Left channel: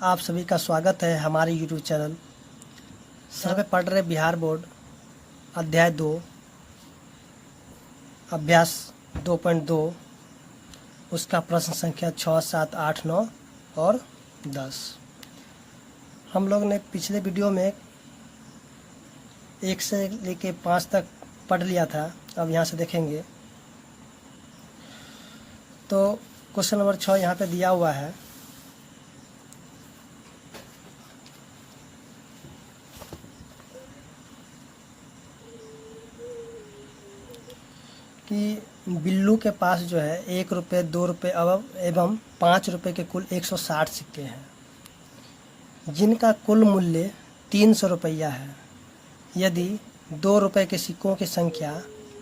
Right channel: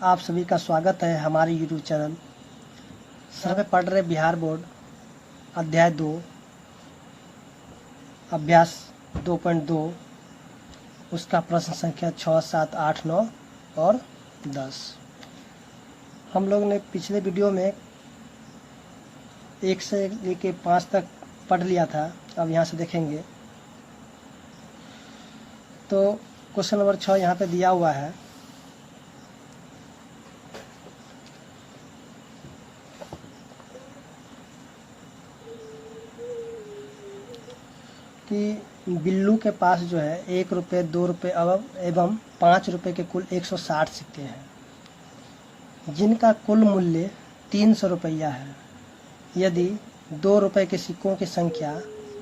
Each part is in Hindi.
आप सभी का स्वागत है हमारे YouTube चैनल। सर में पढ़ रहे बिहार बोर्ड अध्याय 2 अभ्यास 2.2 उसका प्रश्न संख्या 6, 7, 8, 9 और 10। हम लोग ने पिछले वीडियो में 1 से लेके 5 तक पढ़ लिया था। अब यहाँ से देखेंगे तो क्वेश्चन नंबर 6 यहाँ पे दिया हुआ है कि बिल्लू के पास जो है 1 रुपये, 2 रुपये एवं 5 रुपये के कुल 160 सिक्के हैं, जिनका कुल मूल्य 300 रुपया है। यदि 2 रुपये के सिक्कों की संख्या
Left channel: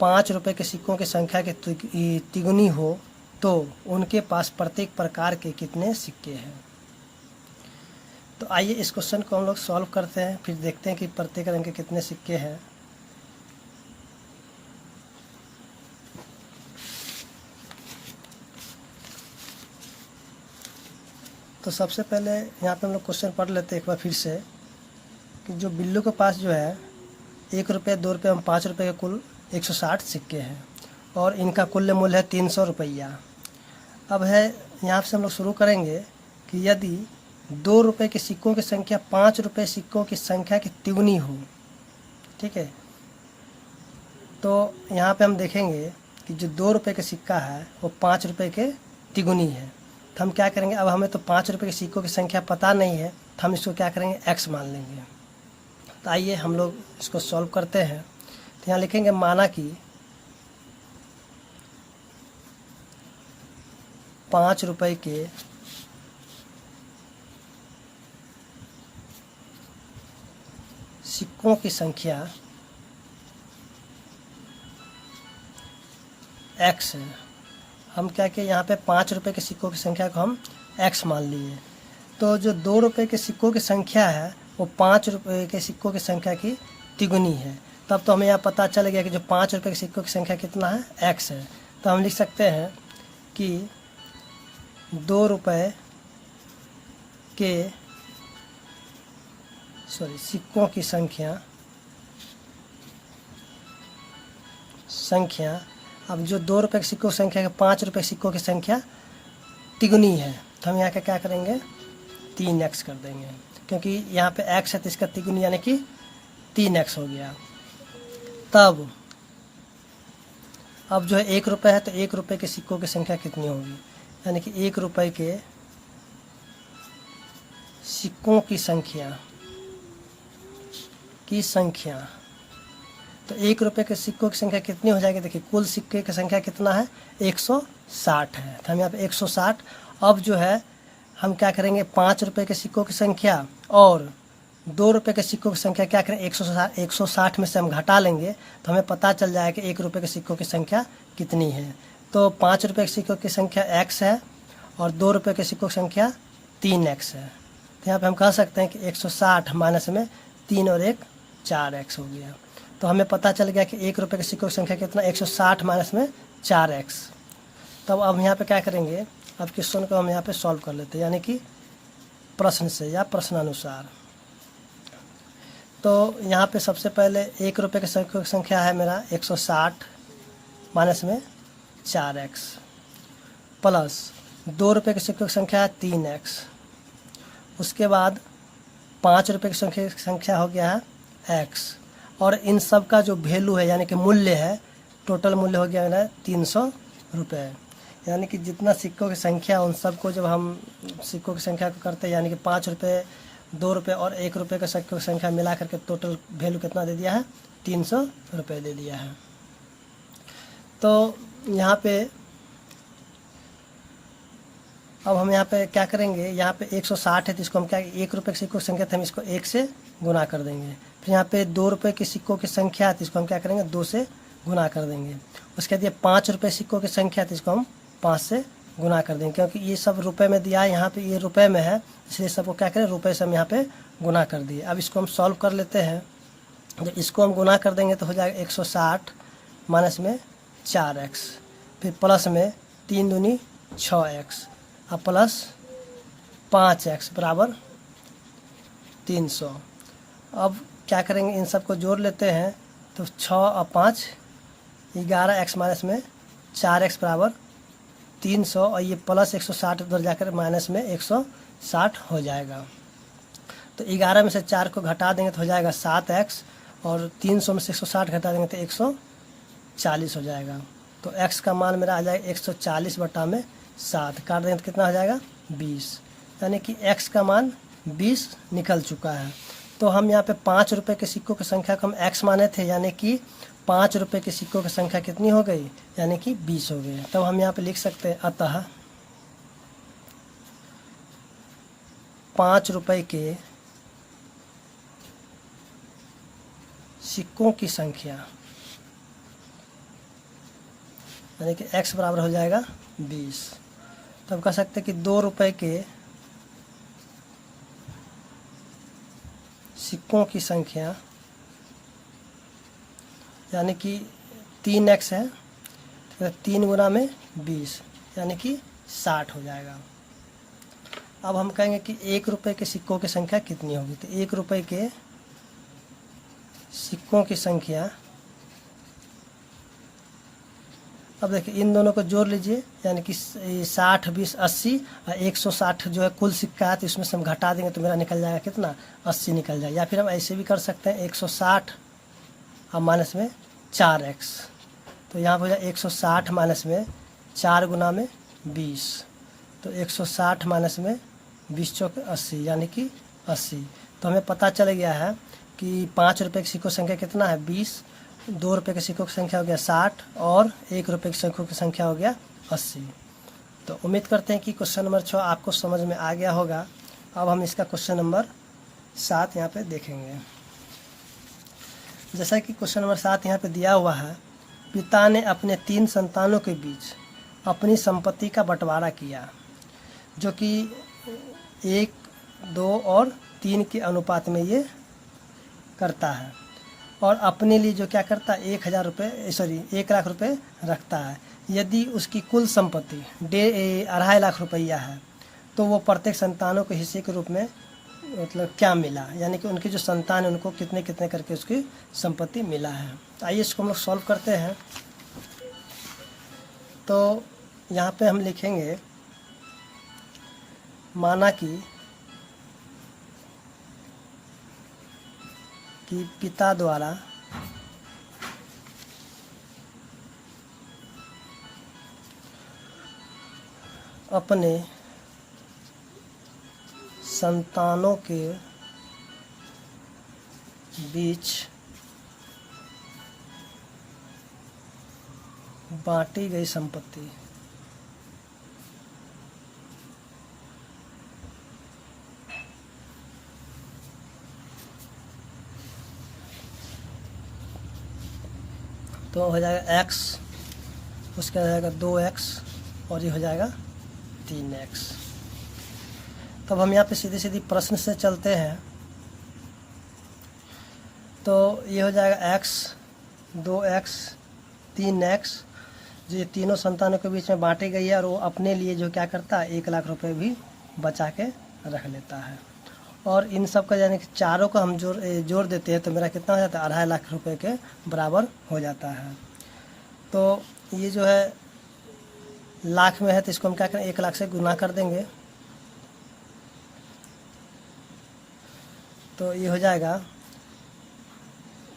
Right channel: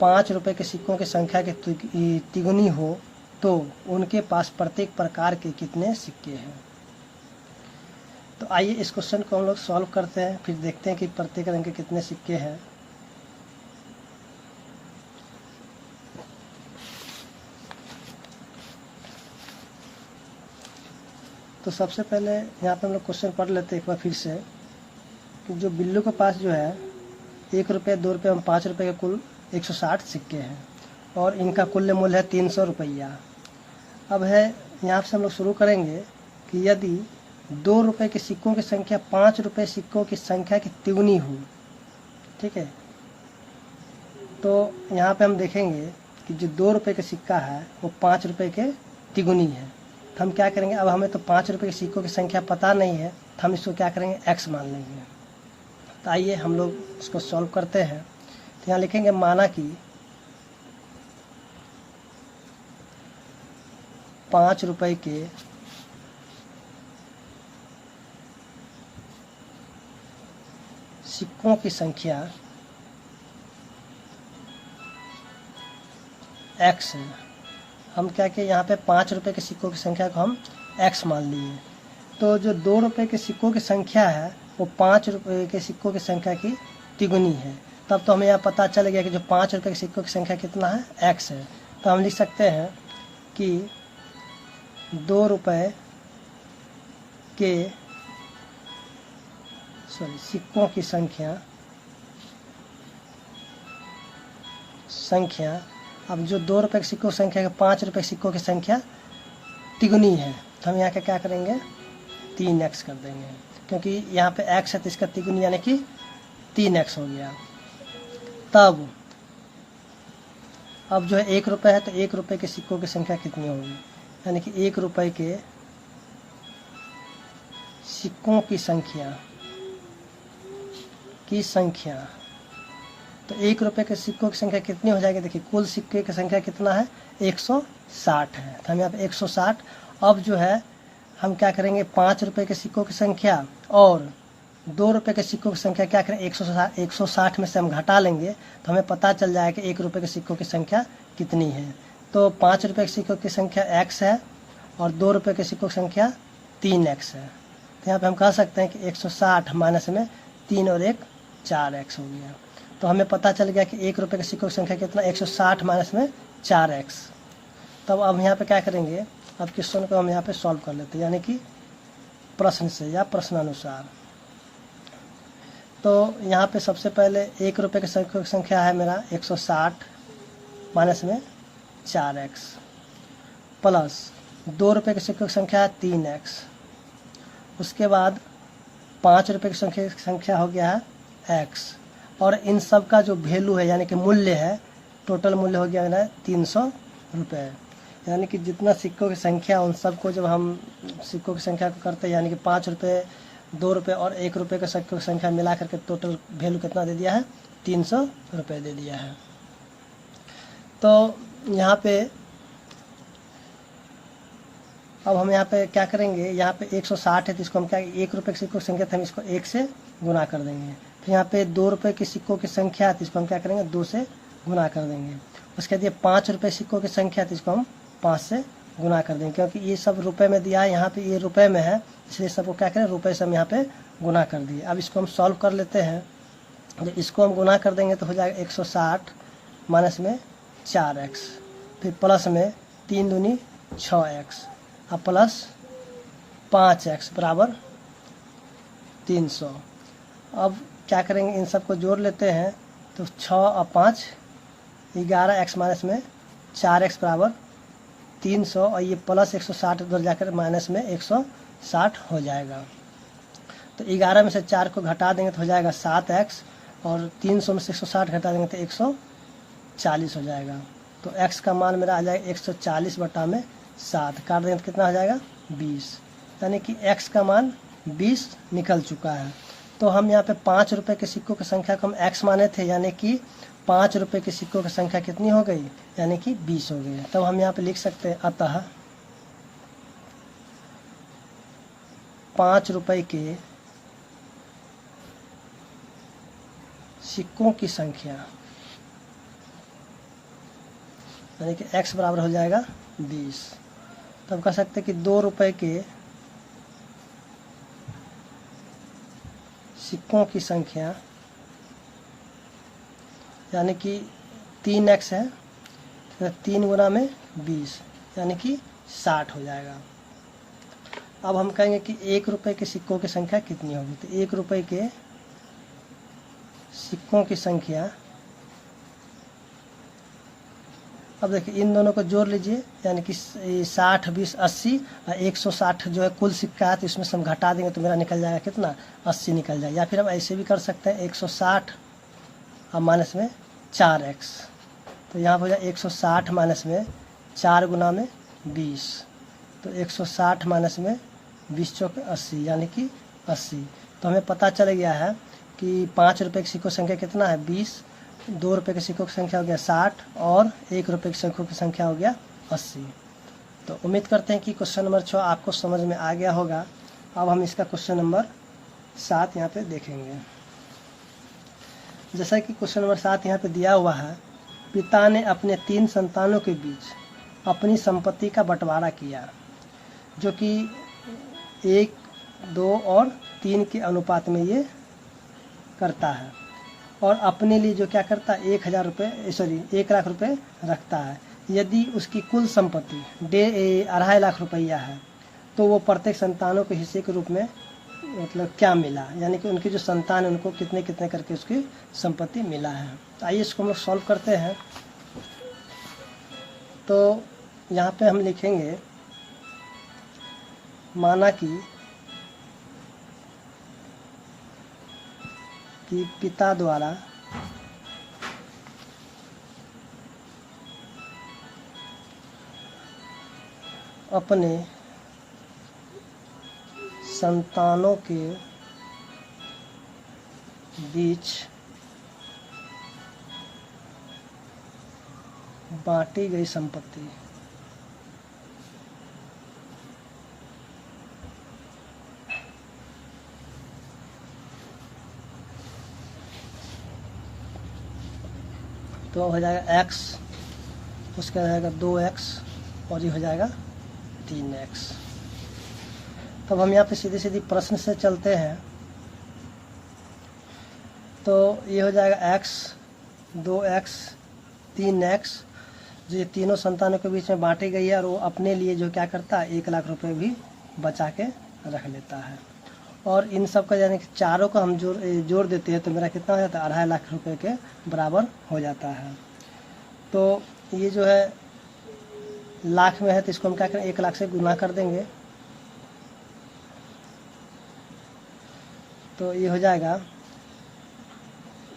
5 रुपये के सिक्कों की संख्या के तिगुनी हो तो उनके पास प्रत्येक प्रकार के कितने सिक्के हैं। तो आइए इस क्वेश्चन को हम लोग सॉल्व करते हैं, फिर देखते हैं कि प्रत्येक रंग के कितने सिक्के हैं। तो सबसे पहले यहाँ पे हम लोग क्वेश्चन पढ़ लेते हैं एक बार फिर से कि जो बिल्लू के पास जो है 1 रुपये, 2 रुपये एवं 5 रुपये के कुल 160 सिक्के हैं और इनका कुल मूल्य है 300 रुपया। अब है यहाँ से हम लोग शुरू करेंगे कि यदि 2 रुपये के सिक्कों की संख्या 5 रुपये सिक्कों की संख्या की तिगुनी हो, ठीक है, तो यहाँ पे हम देखेंगे कि जो 2 रुपये का सिक्का है वो 5 रुपये के तिगुनी है। तो हम क्या करेंगे, अब हमें तो 5 रुपये के सिक्कों की संख्या पता नहीं है तो हम इसको क्या करेंगे, x मान लेंगे। तो आइए हम लोग इसको सॉल्व करते हैं। तो यहाँ लिखेंगे माना कि 5 रुपये के सिक्कों की संख्या x है। हम क्या किए, यहाँ पे 5 रुपये के सिक्कों की संख्या को हम x मान लिए। तो जो 2 रुपये के सिक्कों की संख्या है वो 5 रुपये के सिक्कों की संख्या की तिगुनी है। तब तो हमें यहाँ पता चल गया कि जो 5 रुपये के सिक्कों की संख्या कितना है, x है। तो हम लिख सकते हैं कि 2 रुपये के सिक्कों की संख्या अब जो 2 रुपये के सिक्कों की संख्या के 5 रुपये के सिक्कों की संख्या तिगुनी है तो हम यहाँ का क्या करेंगे, 3x कर देंगे, क्योंकि यहाँ पे x है तो इसका तिगुनी यानी कि 3x हो गया। तब अब जो है 1 रुपये है तो 1 रुपये के सिक्कों की संख्या कितनी होगी, यानी कि 1 रुपये के सिक्कों की संख्या तो 1 रुपये के सिक्कों की संख्या कितनी हो जाएगी, देखिए कुल सिक्के की संख्या कितना है, 160 है। तो हम यहाँ पे 160। अब जो है हम क्या करेंगे, 5 रुपये के सिक्कों की संख्या और 2 रुपये के सिक्कों की संख्या क्या करें, 160 में से हम घटा लेंगे तो हमें पता चल जाएगा कि 1 रुपये के सिक्कों की संख्या कितनी है। तो 5 रुपये के सिक्कों की संख्या x है और 2 रुपये के सिक्कों की संख्या 3x है। तो यहाँ पे हम कह सकते हैं कि 160 माइनस में 3 और 1 4x हो गया। तो हमें पता चल गया कि 1 रुपये के सिक्कों की संख्या कितना, 160 माइनस में 4x। तब अब यहाँ पे क्या करेंगे, अब क्वेश्चन को हम यहाँ पे सॉल्व कर लेते हैं, यानी कि प्रश्न से या प्रश्नानुसार। तो यहाँ पे सबसे पहले 1 रुपये के सिक्कों की संख्या है मेरा 160 माइनस में 4x प्लस 2 रुपये के सिक्कों की संख्या है 3x। उसके बाद 5 रुपये की संख्या हो गया है x और इन सब का जो वैल्यू है यानी कि मूल्य है, टोटल मूल्य हो गया है 300 रुपये। यानी कि जितना सिक्कों की संख्या उन सबको जब हम सिक्कों की संख्या को करते हैं, यानी कि 5 रुपये, 2 रुपये और 1 रुपये के सिक्कों की संख्या मिला करके टोटल वैल्यू कितना दे दिया है, 300 रुपये दे दिया है। तो यहाँ पे अब हम यहाँ पे क्या करेंगे, यहाँ पे 160 है तो इसको हम क्या, 1 रुपये के सिक्कों की संख्या तो हम इसको 1 से गुना कर देंगे। फिर यहाँ पे 2 रुपये के सिक्कों की संख्या तो इसको हम क्या करेंगे, 2 से गुना कर देंगे। उसके बाद ये 5 रुपये सिक्कों की संख्या तो इसको हम 5 से गुना कर देंगे, क्योंकि ये सब रुपए में दिया है, यहाँ पे ये रुपए में है, इसलिए सबको क्या करें, रुपए से हम यहाँ पे गुना कर दिए। अब इसको हम सॉल्व कर लेते हैं। इसको हम गुना कर देंगे तो हो जाएगा 160 माइनस में 4x, फिर प्लस में 3 दूनी 6x अब प्लस 5x बराबर 300। अब क्या करेंगे, इन सबको जोड़ लेते हैं तो 6 और 5 11 x माइनस में 4x बराबर 300 और ये प्लस 160 उधर जाकर माइनस में 160 हो जाएगा। तो 11 में से 4 को घटा देंगे तो हो जाएगा 7x और 300 में से 160 घटा देंगे तो 140 हो जाएगा। तो x का मान मेरा आ जाएगा 140 बटा में 7, काट देंगे तो कितना हो जाएगा 20, यानी कि x का मान 20 निकल चुका है। तो हम यहाँ पे 5 रुपये के सिक्कों की संख्या को हम x माने थे, यानी कि 5 रुपये के सिक्कों की संख्या कितनी हो गई, यानी कि 20 हो गई। तब हम यहाँ पे लिख सकते हैं अतः 5 रुपये के सिक्कों की संख्या, यानी कि x बराबर हो जाएगा 20। तब कह सकते हैं कि 2 रुपये के सिक्कों की संख्या, यानी कि 3x है तो 3 गुना में 20 यानी कि 60 हो जाएगा। अब हम कहेंगे कि 1 रुपये के सिक्कों की संख्या कितनी होगी, तो 1 रुपये के सिक्कों की संख्या, अब देखिए इन दोनों को जोड़ लीजिए, यानी कि 60 20 80 और 160 जो है कुल सिक्का है, तो इसमें से हम घटा देंगे तो मेरा निकल जाएगा कितना, 80 निकल जाएगा। या फिर हम ऐसे भी कर सकते हैं 160 और माइनस में 4x, तो यहाँ पर हो जाए 160 माइनस में 4 गुना में 20, तो 160 माइनस में 20 चौके 80 यानी कि 80। तो हमें पता चल गया है कि 5 रुपये के सिक्कों की संख्या कितना है 20, 2 रुपये के सिक्कों की संख्या हो गया 60 और 1 रुपये के सिक्कों की संख्या हो गया 80। तो उम्मीद करते हैं कि क्वेश्चन नंबर 6 आपको समझ में आ गया होगा। अब हम इसका क्वेश्चन नंबर 7 यहाँ पे देखेंगे। जैसा कि क्वेश्चन नंबर 7 यहाँ पे दिया हुआ है, पिता ने अपने 3 संतानों के बीच अपनी संपत्ति का बंटवारा किया, जो कि 1, 2 और 3 के अनुपात में ये करता है, और अपने लिए जो क्या करता है 1 लाख रुपए रखता है। यदि उसकी कुल संपत्ति 2.5 लाख रुपया है तो वो प्रत्येक संतानों के हिस्से के रूप में मतलब क्या मिला, यानी कि उनकी जो संतान है उनको कितने कितने करके उसकी संपत्ति मिला है। आइए इसको हम लोग सॉल्व करते हैं। तो यहाँ पे हम लिखेंगे, माना कि पिता द्वारा अपने संतानों के बीच बांटी गई संपत्ति तो हो जाएगा x, उसका हो जाएगा 2x और ये हो जाएगा 3x। तब हम यहाँ पे सीधी सीधी प्रश्न से चलते हैं। तो ये हो जाएगा x, 2x, 3x, जो ये तीनों संतानों के बीच में बांटी गई है, और वो अपने लिए जो क्या करता है 1 लाख रुपए भी बचा के रख लेता है। और इन सब का यानी कि चारों को हम जोड़ देते हैं तो मेरा कितना हो जाता है 2.5 लाख रुपए के बराबर हो जाता है। तो ये जो है लाख में है तो इसको हम क्या करें 1 लाख से गुना कर देंगे, तो ये हो जाएगा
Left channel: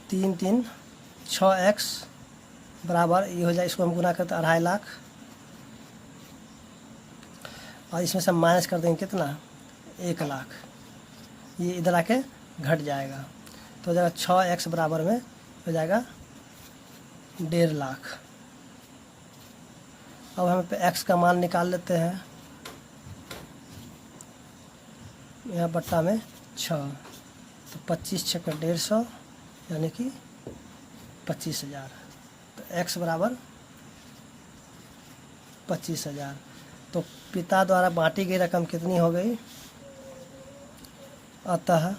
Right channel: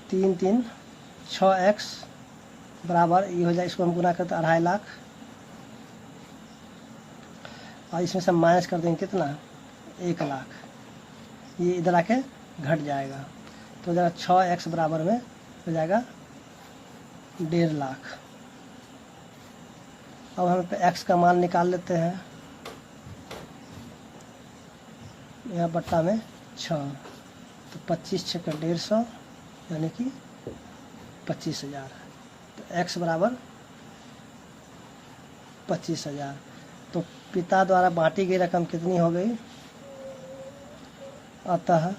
3 3 6x बराबर ये हो जाए, इसको हम गुना करते 2.5 लाख और इसमें से माइनस कर देंगे कितना 1 लाख, ये इधर आके घट जाएगा तो हो जाएगा 6x बराबर में हो जाएगा 1.5 लाख। अब हम पे x का मान निकाल लेते हैं, यहाँ बट्टा में 6, तो 25 6 का 150 यानी कि 25,000। तो x बराबर 25,000। तो पिता द्वारा बांटी गई रकम कितनी हो गई, अतः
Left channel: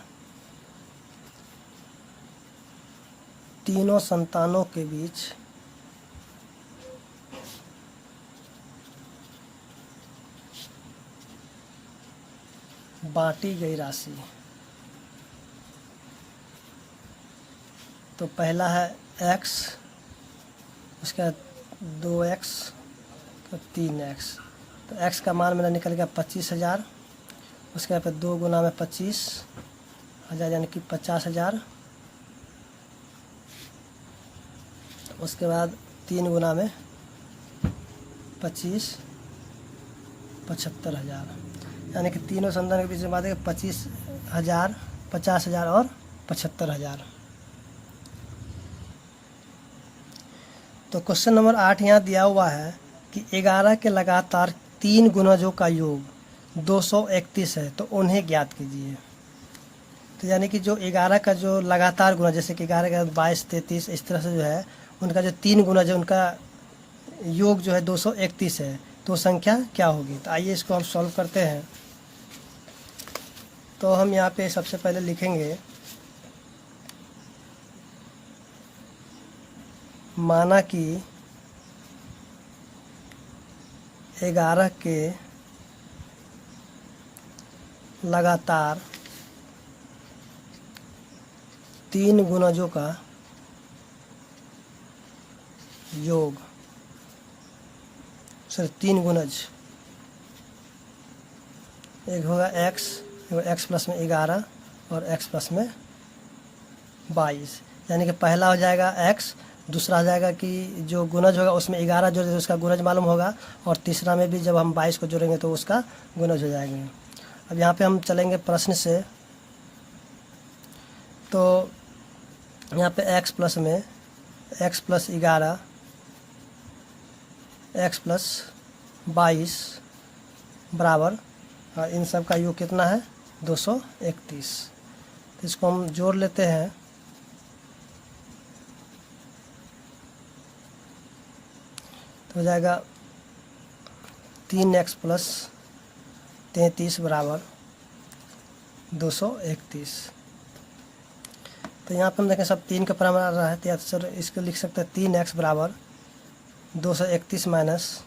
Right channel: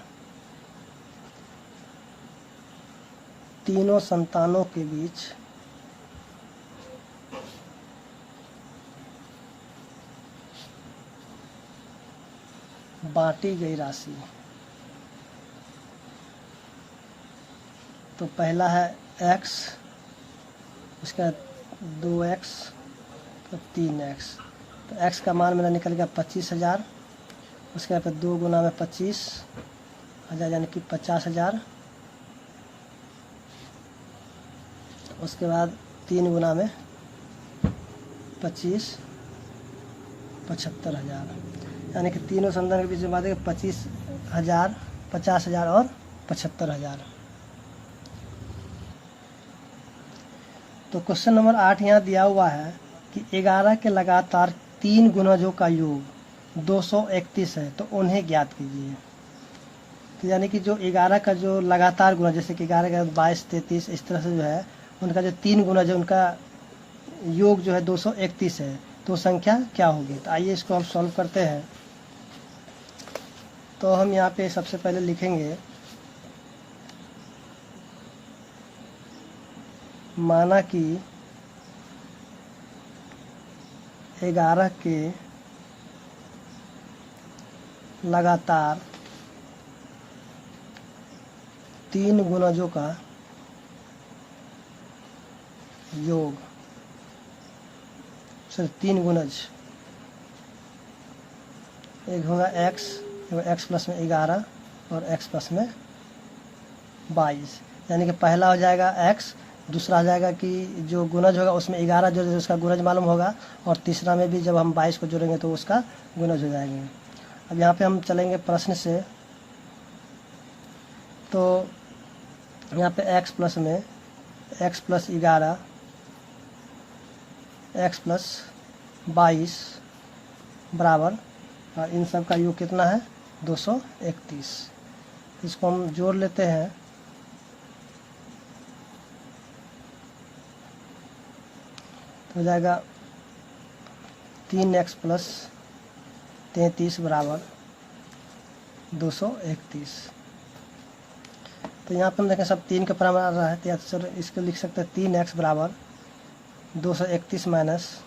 तीनों संतानों के बीच बांटी गई राशि तो पहला है x, उसके बाद 2x, 3x। तो x का मान मेरा निकल गया 25,000। उसके बाद 2 गुना में 25,000 यानी कि 50,000। उसके बाद 3 गुना में 25, 75,000 यानी कि तीनों संधान के बीच में बात है 25,000, 50,000 और 75,000। तो क्वेश्चन नंबर 8 यहाँ दिया हुआ है कि 11 के लगातार 3 गुणजों का योग 231 है, तो उन्हें ज्ञात कीजिए। तो यानी कि जो 11 का जो लगातार गुणज, जैसे कि 11 के 22, 33, इस तरह से जो है उनका जो 3 गुणज है उनका योग जो है 231 है, तो संख्या क्या होगी। तो आइए इसको हम सॉल्व करते हैं। तो हम यहाँ पे सबसे पहले लिखेंगे, माना कि 11 के लगातार 3 गुणजों का योग, सर 3 गुणज, एक होगा x, x प्लस में 11 और x प्लस में 22, यानी कि पहला हो जाएगा x, दूसरा हो जाएगा कि जो गुणज होगा उसमें 11 जो उसका गुणज मालूम होगा, और तीसरा में भी जब हम 22 को जोड़ेंगे तो उसका गुणज हो जाएंगे। अब यहाँ पे हम चलेंगे प्रश्न से। तो यहाँ पे x प्लस में x प्लस 11, x प्लस 22 बराबर, इन सब का योग कितना है 231। इसको हम जोड़ लेते हैं। तो हो जाएगा 3x प्लस 33 बराबर 231। तो यहाँ पर हम देखें सब 3 का प्रमाण आ रहा है, तो या तो सर इसको लिख सकते हैं 3x बराबर 231 माइनस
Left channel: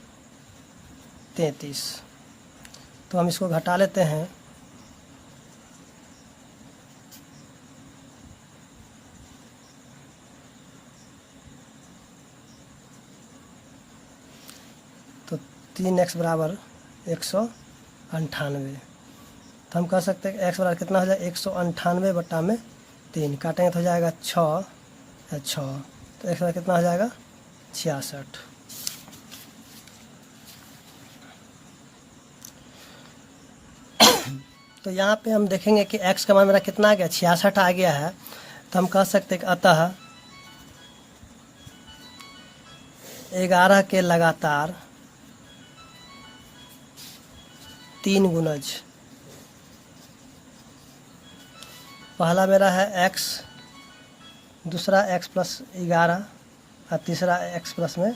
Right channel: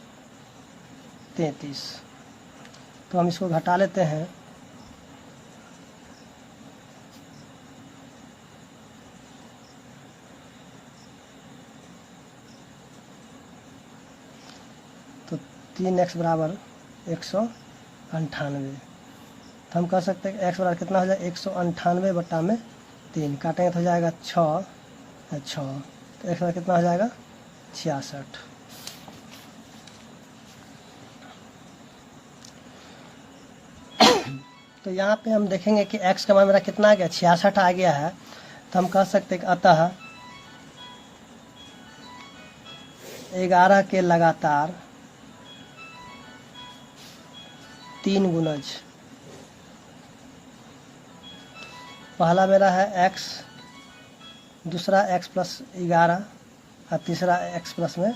33। तो हम इसको घटा लेते हैं। तो 3x बराबर 198। तो हम कह सकते हैं कि x बराबर कितना हो जाएगा 198 बटा में 3, काटेंगे तो हो जाएगा 6, तो x बराबर कितना हो जाएगा 66। तो यहाँ पे हम देखेंगे कि x का मान मेरा कितना आ गया 66 आ गया है। तो हम कह सकते हैं कि अतः 11 के लगातार 3 गुणज, पहला मेरा है x, दूसरा x प्लस 11 और तीसरा x प्लस में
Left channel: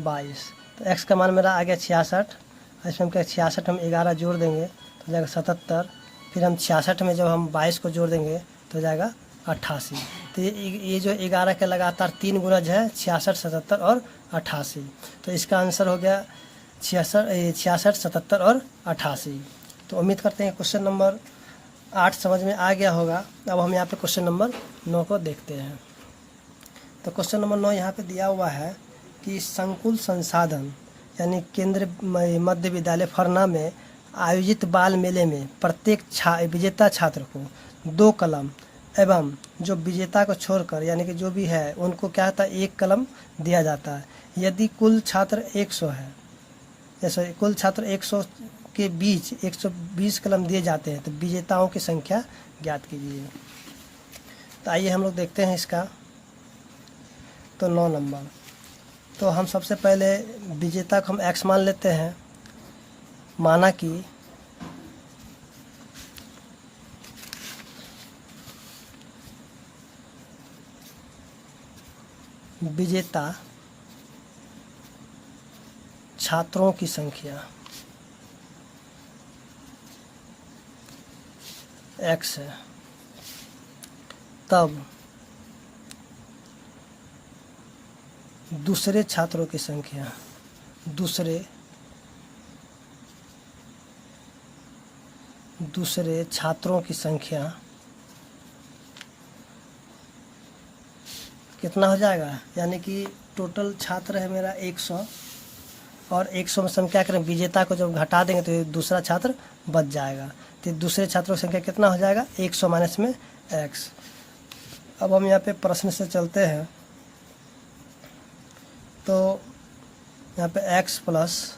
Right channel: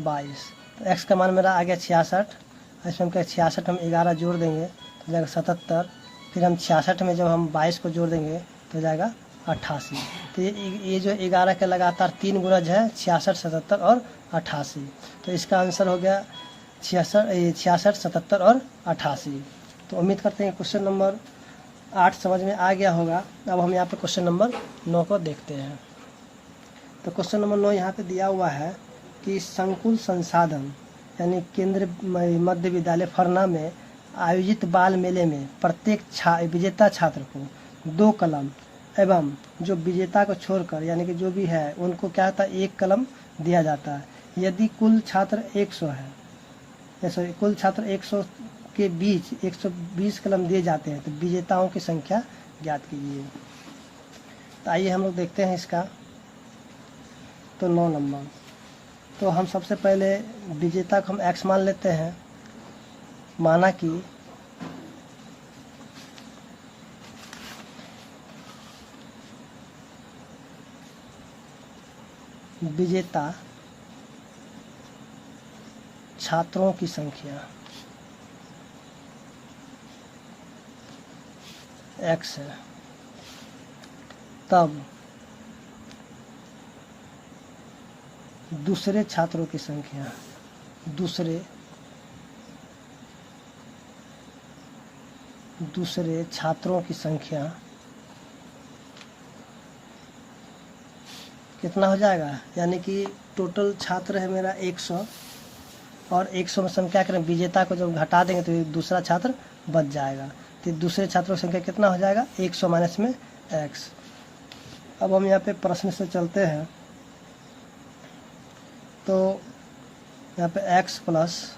22। तो x का मान मेरा आ गया 66। इसमें हम क्या 66 हम 11 जोड़ देंगे तो जाएगा 77, फिर हम 66 में जब हम 22 को जोड़ देंगे तो जाएगा 88। तो ये जो 11 के लगातार 3 गुणज है 66, 77 और 88। तो इसका आंसर हो गया 66, 77 और 88। तो उम्मीद करते हैं क्वेश्चन नंबर 8 समझ में आ गया होगा। अब हम यहाँ पे क्वेश्चन नंबर 9 को देखते हैं। तो क्वेश्चन नंबर 9 यहाँ पे दिया हुआ है कि संकुल संसाधन यानी केंद्रीय मध्य विद्यालय फरना में आयोजित बाल मेले में प्रत्येक विजेता छात्र को 2 कलम एवं जो विजेता को छोड़कर यानी कि जो भी है उनको क्या होता है 1 कलम दिया जाता है। यदि कुल छात्र 100 है, जैसे कुल छात्र 100 के बीच 120 कलम दिए जाते हैं, तो विजेताओं की संख्या ज्ञात कीजिए। तो आइए हम लोग देखते हैं इसका। तो 9 नंबर, तो हम सबसे पहले विजेता को हम x मान लेते हैं। माना कि विजेता छात्रों की संख्या x है, तब दूसरे छात्रों की संख्या दूसरे छात्रों की संख्या कितना हो जाएगा, यानी कि टोटल छात्र है मेरा 100, और 100 में से हम क्या करें, विजेता को जब घटा देंगे तो दूसरा छात्र बच जाएगा। तो दूसरे छात्रों की संख्या कितना हो जाएगा, 100 माइनस में x। अब हम यहाँ पे प्रश्न से चलते हैं, तो यहाँ पे x प्लस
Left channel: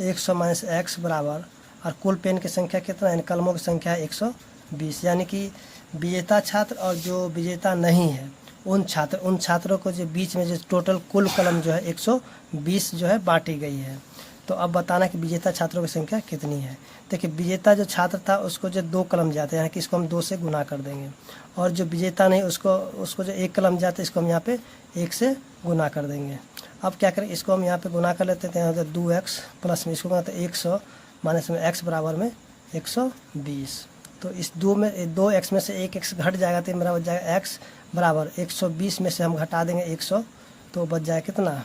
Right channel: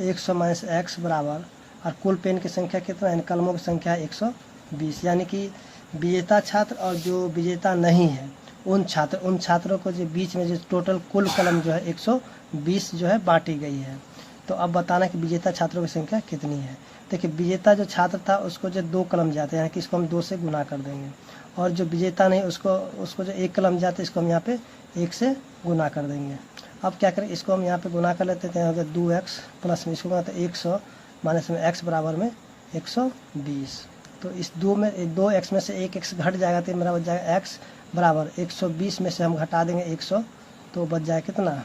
100 माइनस x बराबर, और कुल पेन की संख्या कितना है, कलमों की संख्या है 120। यानी कि विजेता छात्र और जो विजेता नहीं है उन छात्रों को जो बीच में जो टोटल कुल कलम जो है 120 जो है बांटी गई है। तो अब बताना कि विजेता छात्रों की संख्या कितनी है। देखिए विजेता जो छात्र था उसको जो 2 कलम जाते हैं, यानी कि इसको हम 2 से गुना कर देंगे, और जो विजेता नहीं उसको जो 1 कलम जाते हैं इसको हम यहाँ पे 1 से गुना कर देंगे। अब क्या करें, इसको हम यहाँ पे गुना कर लेते हैं, तो 2x प्लस में इसको गुना 100 माइनस में x बराबर में 120। तो इस 2x में से 1 x घट जाएगा, तो मेरा बच जाएगा x बराबर 120 में से हम घटा देंगे 100, तो बच जाएगा कितना,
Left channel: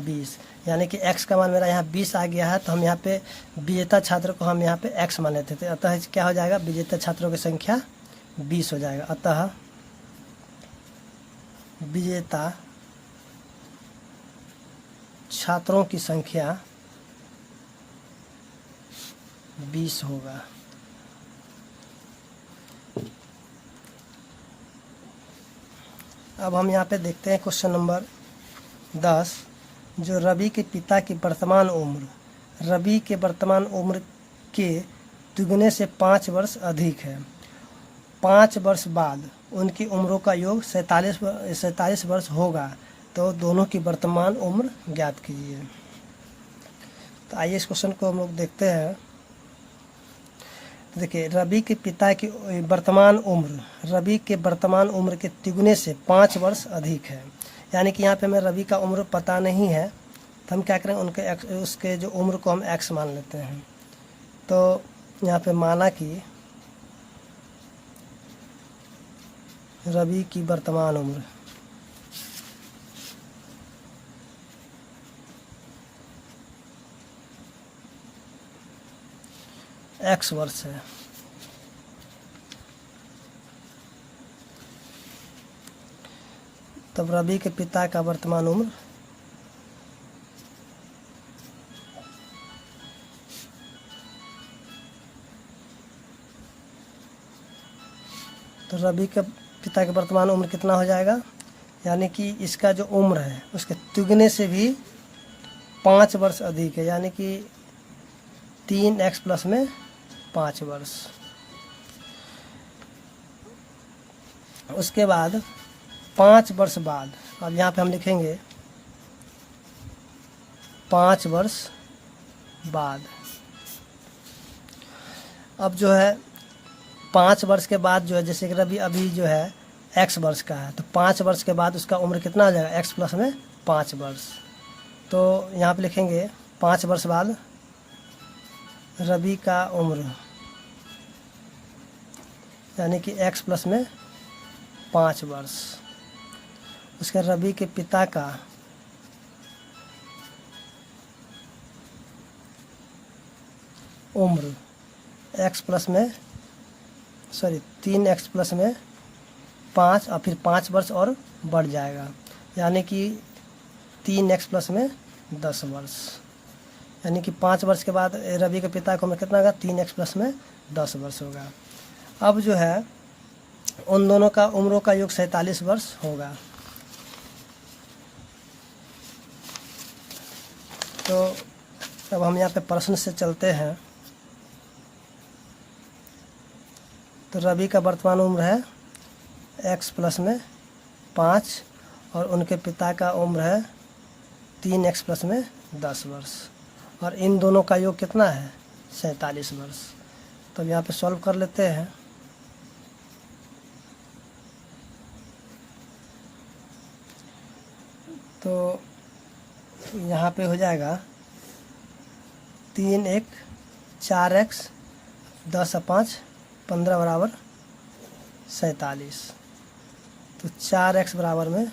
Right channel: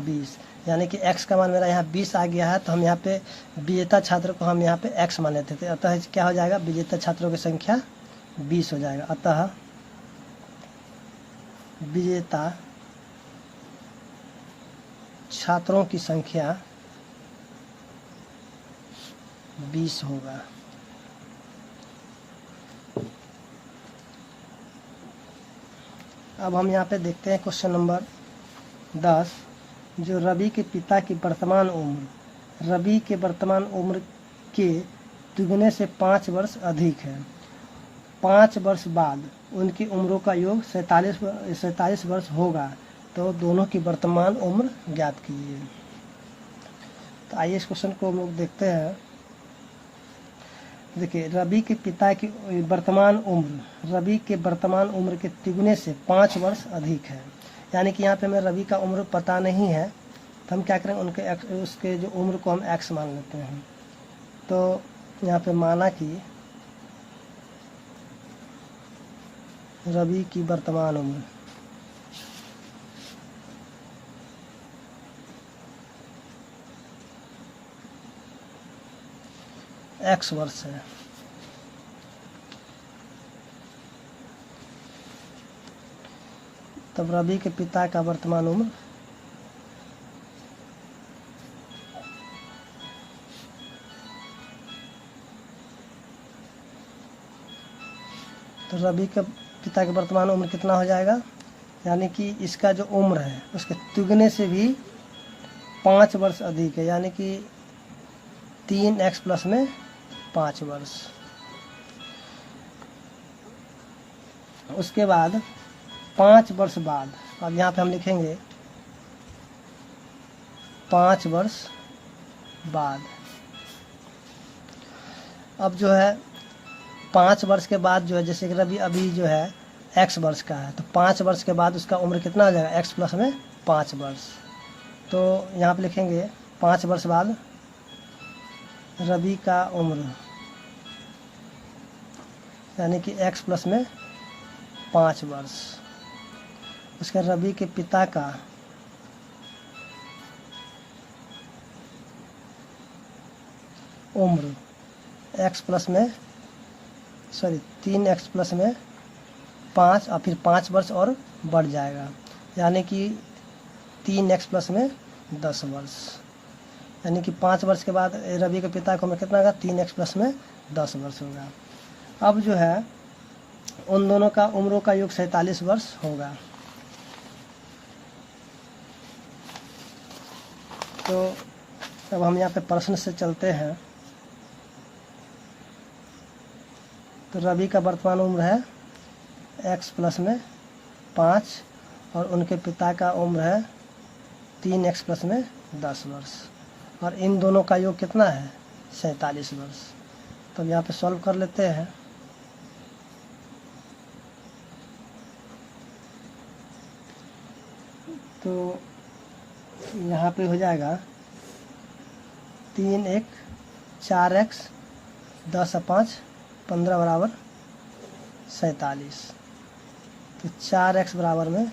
20। यानी कि x का मान मेरा यहाँ 20 आ गया है। तो हम यहाँ पे विजेता छात्र को हम यहाँ पे x मान लेते थे, अतः क्या हो जाएगा, विजेता छात्रों की संख्या 20 हो जाएगा। अतः विजेता छात्रों की संख्या 20 होगा। अब हम यहाँ पे देखते हैं क्वेश्चन नंबर 10, जो रवि के पिता की वर्तमान उम्र रवि के वर्तमान उम्र के दुगने से 5 वर्ष अधिक है। 5 वर्ष बाद उनकी उम्रों का योग 47 वर्ष होगा, तो दोनों की वर्तमान उम्र ज्ञात कीजिए। तो आइए इस क्वेश्चन को हम लोग देखते हैं। देखिए रवि के पिता की वर्तमान उम्र के तिगुने से 5 वर्ष अधिक है। यानी कि यहाँ पे हमें रवि का उम्र पता नहीं है, तो हम क्या करेंगे, उसके जो उम्र को हम x मान लेते हैं। तो यहाँ पे माना कि रवि की वर्तमान उम्र x वर्ष है। तब रवि के पिता का वर्तमान उम्र तो रवि के पिता की वर्तमान उम्र कितना हो जाएगा, यानी कि इसका जो उम्र है उसके तिगुने से भी 5 वर्ष अधिक है, यानी कि 3x प्लस में 5 वर्ष। उसके बाद 5 वर्ष बाद, अब यहाँ पे हम लिखेंगे 5 वर्ष बाद। अब जो है 5 वर्ष के बाद जो है, जैसे कि रवि अभी जो है x वर्ष का है, तो 5 वर्ष के बाद उसका उम्र कितना हो जाएगा, x प्लस में 5 वर्ष। तो यहाँ पे लिखेंगे 5 वर्ष बाद रवि का उम्र, यानी कि x प्लस में 5 वर्ष। इसका रवि के पिता का उम्र x प्लस में 3x प्लस में 5 और फिर 5 वर्ष और बढ़ जाएगा, यानी कि 3x प्लस में 10 वर्ष। यानी कि 5 वर्ष के बाद रवि के पिता को कितना होगा, 3x प्लस में 10 वर्ष होगा। अब जो है उन दोनों का उम्रों का योग 47 वर्ष होगा। तो अब हम यहाँ पे प्रश्न से चलते हैं। तो रवि का वर्तमान उम्र है x प्लस में 5 और उनके पिता का उम्र है 3x प्लस में 10 वर्ष, और इन दोनों का योग कितना है, 47 वर्ष। तो अब यहाँ पे सॉल्व कर लेते हैं। तो यहाँ पे हो जाएगा 3 4x 10 और 5 15 बराबर 47। तो 4x बराबर में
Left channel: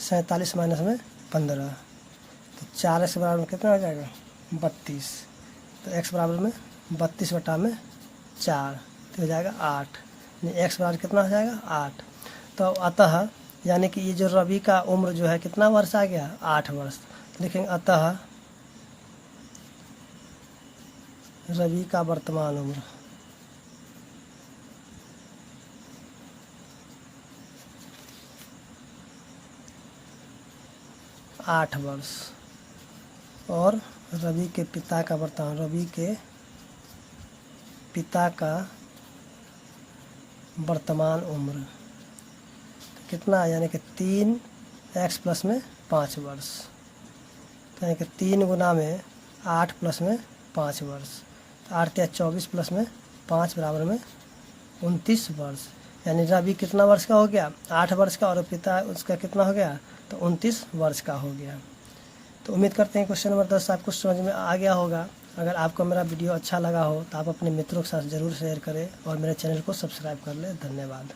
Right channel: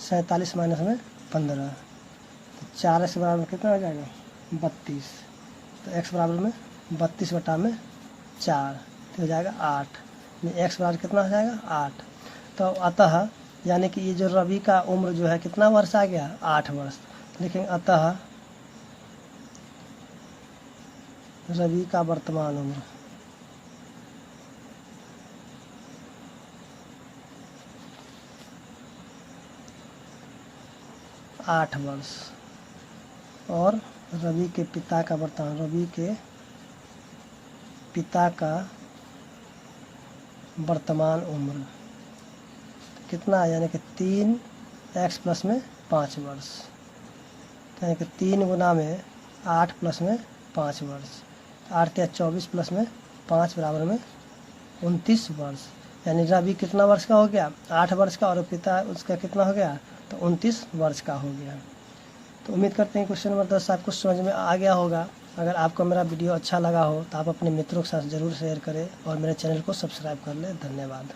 47 माइनस में 15, तो 4x बराबर में कितना हो जाएगा, 32। तो x बराबर में 32 बटा में 4, तो हो जाएगा 8। x बराबर कितना हो जाएगा, 8। तो अतः यानी कि ये जो रवि का उम्र जो है कितना वर्ष आ गया, 8 वर्ष। देखेंगे अतः रवि का वर्तमान उम्र 8 वर्ष और रवि के पिता का वर्तमान, रवि के पिता का वर्तमान उम्र कितना है, यानी कि 3x प्लस में 5 वर्ष, यानी कि 3 गुना में 8 प्लस में 5 वर्ष, 8 या 24 प्लस में 5 बराबर में 29 वर्ष। यानी रवि कितना वर्ष का हो गया, 8 वर्ष का, और पिता उसका कितना हो गया, तो 29 वर्ष का हो गया। तो उम्मीद करते हैं क्वेश्चन नंबर 10 आपको समझ में आ गया होगा। अगर आपको मेरा वीडियो अच्छा लगा हो तो आप अपने मित्रों के साथ ज़रूर शेयर करें और मेरे चैनल को सब्सक्राइब कर लें। धन्यवाद।